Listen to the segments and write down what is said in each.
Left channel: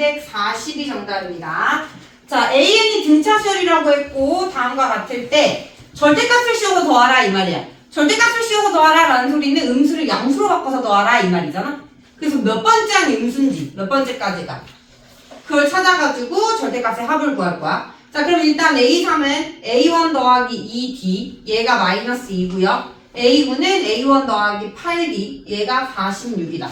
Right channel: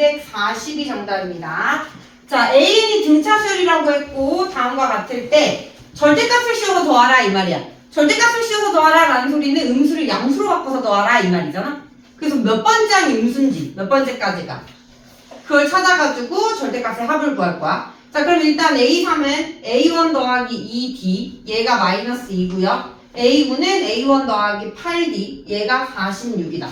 240이 정답입니다. 자, AN이 등차수열이라고 했고 다음과 같을 때 절대값을 씌워서 더하라 이 말이야. 절대값을 씌워서 더하라 라는 소리는 음수를 양수로 바꿔서 더하라 이 말이잖아. 그래서 몇 번째 항이 음수인지 몇 번째까지가 그걸 찾아가지고 절대값의 합을 구할 거야. 자, 그럼 일단 A3은 A1 더하기 2D 얘가 마이너스 2고요. A9는 A1 더하기 8D 얘가 46이다.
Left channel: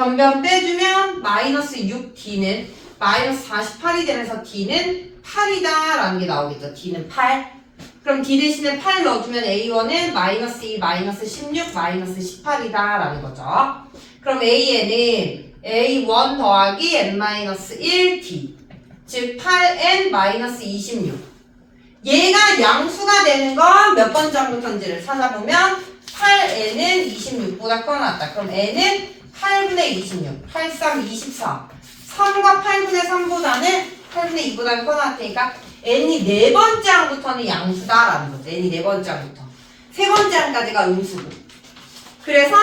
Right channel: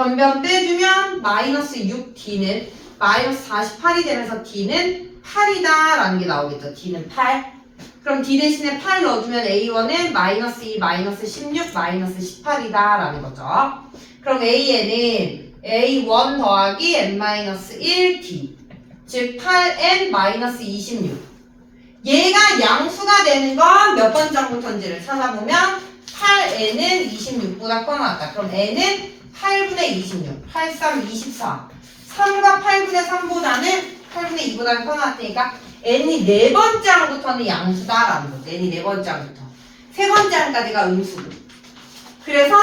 변변 빼주면 마이너스 6D는 마이너스 48이 되면서 D는 8이다 라는 게 나오겠죠. D는 8. 그럼 D 대신에 8 넣어주면 A1은 마이너스 2, 마이너스 16, 마이너스 18이다 라는 거죠. 그럼 A에는 A1 더하기 N-1D 즉 8N 마이너스 26 얘가 양수가 되는 건 몇 번째부터인지를 찾아보면 8N은 26보다 커놨다. 그럼 N은 8분의 26, 8, 3, 24 3과 8분의 3보다는 8분의 2보다 커놨으니까 N이 네 번째 항부터는 양수다라는 거죠. N이 네 번째 항부터. 세 번째 항까지가 음수고. 그래서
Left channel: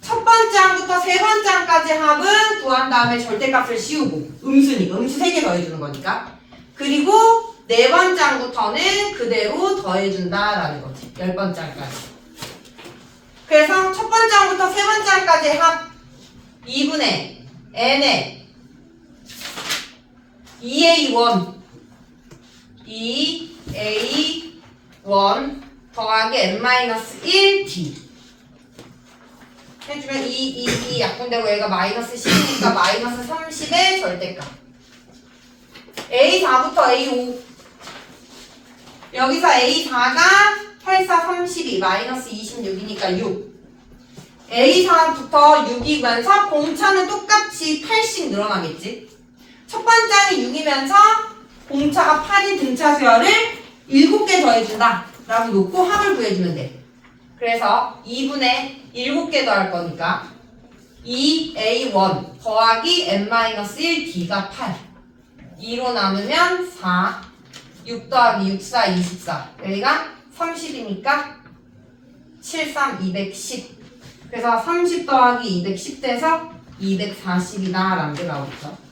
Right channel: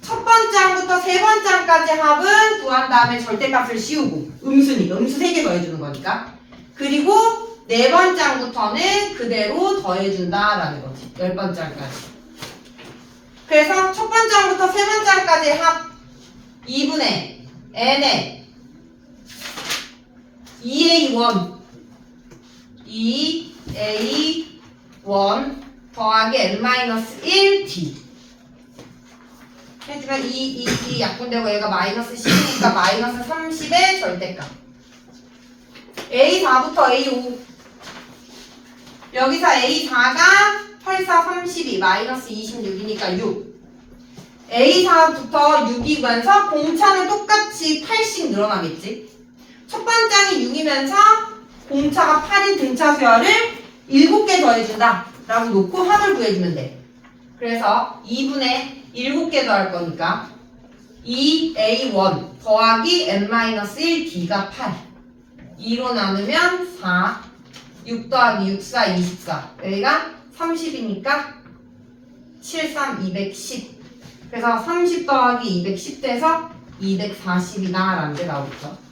첫 번째 항부터 세 번째 항까지 합은 구한 다음에 절대값을 씌우고 음수니까. 음수 세 개 더해주는 거니까. 그리고 네 번째 항부터는 그대로 더해준다라는 거지. 열 번째 항까지 그래서 첫 번째 항부터 세 번째 항까지 합 2분의 n의 2a1 2a1 더하기 n-1d 해주면 2, 2, 2 약분되고 얘가 마이너스 10이니까 마이너스 30의 절대값. A4부터 A5 여기서 A4가 8, 4, 32 마이너스 26이니까 6 A4부터 6이면서 공차는 똑같이 8씩 늘어나겠지? 첫 번째는 6이면서 공차가 8인 등차수열을 7개 더해준다. 라고 놓고 합을 구해주면 돼. 그래서 2분의 7개 더할 거니까 2a1 더하기 n-1d가 8 2로 나누면 4 6 더하기 6, 4, 24 여기가 30이니까 7, 3, 210 그래서 30 더하기 210 돼서 240이다 라는 게 나오겠죠